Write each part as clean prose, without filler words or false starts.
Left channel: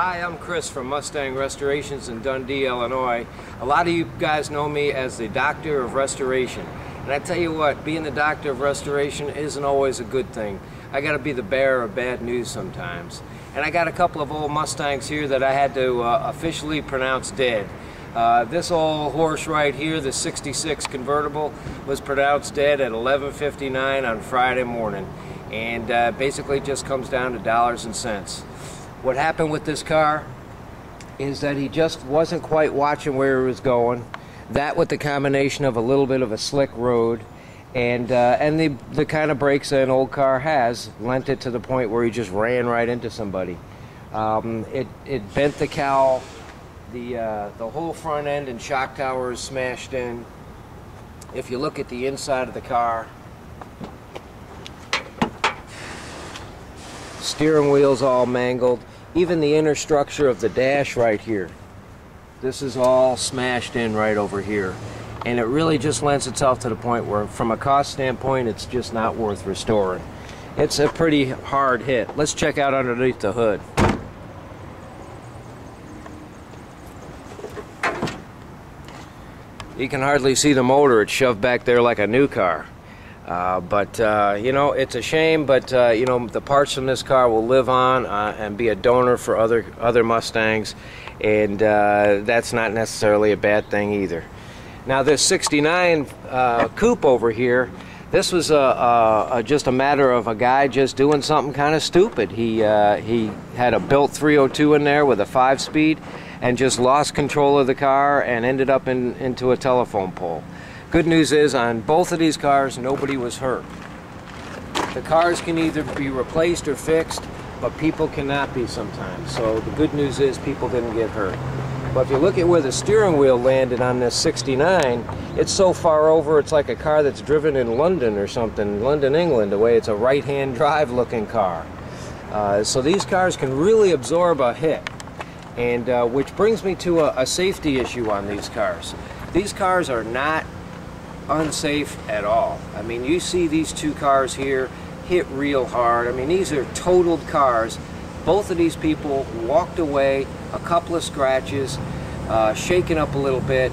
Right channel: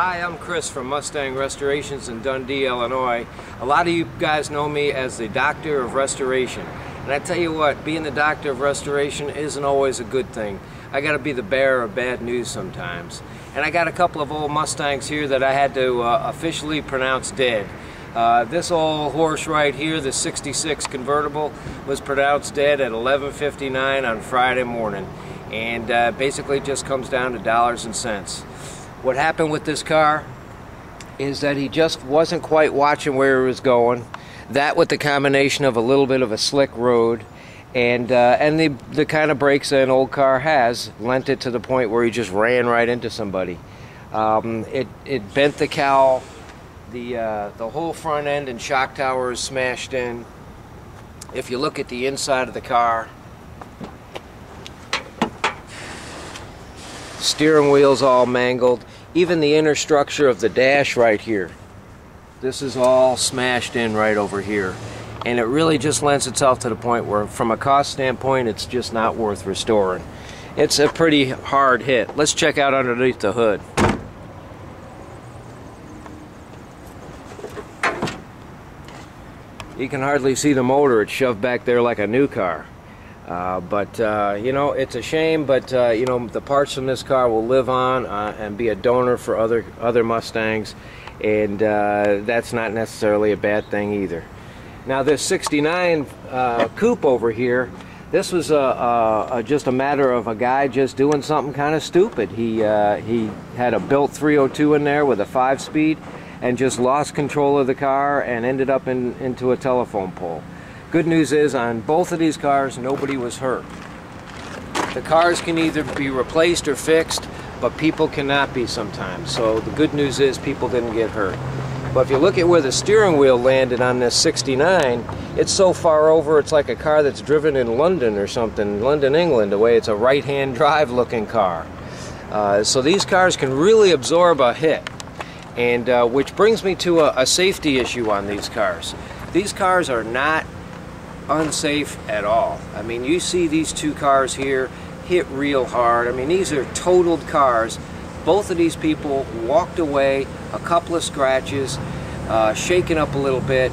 Hi, I'm Chris from Mustang Restorations in Dundee, Illinois. A lot of you guys know me as the Doctor of Restoration. And I tell you what, being the Doctor of Restoration isn't always a good thing. I gotta be the bearer of bad news sometimes. And I got a couple of old Mustangs here that I had to officially pronounce dead. This old horse right here, the 66 convertible, was pronounced dead at 11:59 on Friday morning. And basically just comes down to dollars and cents. What happened with this car is that he just wasn't quite watching where he was going. That with the combination of a little bit of a slick road and the kind of brakes that an old car has lent it to the point where he just ran right into somebody. It bent the cowl, the whole front end and shock tower is smashed in. If you look at the inside of the car, steering wheel's all mangled. Even the inner structure of the dash right here, this is all smashed in right over here. And it really just lends itself to the point where, from a cost standpoint, it's just not worth restoring. It's a pretty hard hit. Let's check out underneath the hood. You can hardly see the motor. It's shoved back there like a new car. You know, it's a shame, but you know, the parts from this car will live on and be a donor for other Mustangs, and that's not necessarily a bad thing either. Now this 69 coupe over here, this was just a matter of a guy just doing something kind of stupid. He had a built 302 in there with a 5-speed and just lost control of the car and ended up into a telephone pole. Good news is, on both of these cars, nobody was hurt. The cars can either be replaced or fixed, but people cannot be sometimes. So the good news is people didn't get hurt. But if you look at where the steering wheel landed on this 69, it's so far over, it's like a car that's driven in London or something, London, England, the way it's a right-hand drive looking car. So these cars can really absorb a hit. And which brings me to a safety issue on these cars. These cars are not unsafe at all. I mean, you see these two cars here hit real hard. I mean, these are totaled cars. Both of these people walked away, a couple of scratches, shaken up a little bit,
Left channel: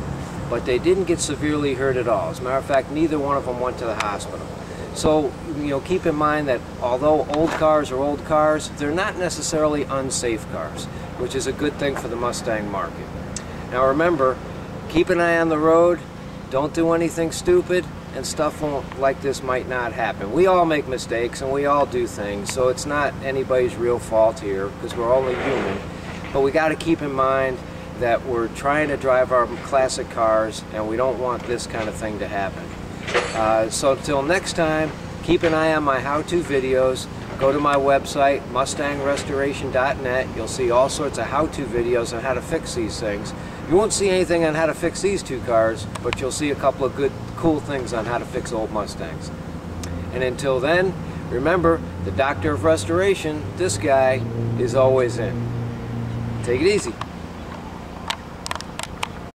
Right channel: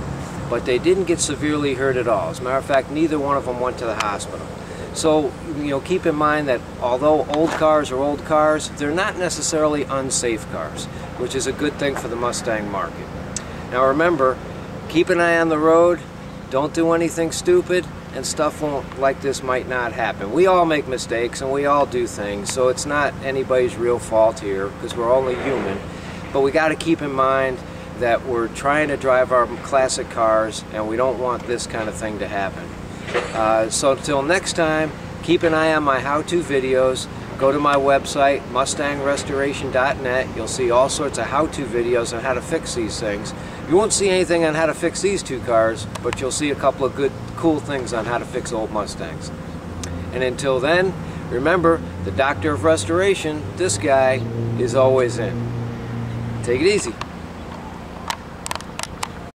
but they didn't get severely hurt at all. As a matter of fact, neither one of them went to the hospital. So, you know, keep in mind that although old cars are old cars, they're not necessarily unsafe cars, which is a good thing for the Mustang market. Now remember, keep an eye on the road. Don't do anything stupid, and stuff like this might not happen. We all make mistakes and we all do things, so it's not anybody's real fault here because we're only human. But we got to keep in mind that we're trying to drive our classic cars and we don't want this kind of thing to happen. So until next time, keep an eye on my how-to videos. Go to my website, mustangrestoration.net. You'll see all sorts of how-to videos on how to fix these things. You won't see anything on how to fix these two cars, but you'll see a couple of good, cool things on how to fix old Mustangs. And until then, remember, the Doctor of Restoration, this guy, is always in. Take it easy.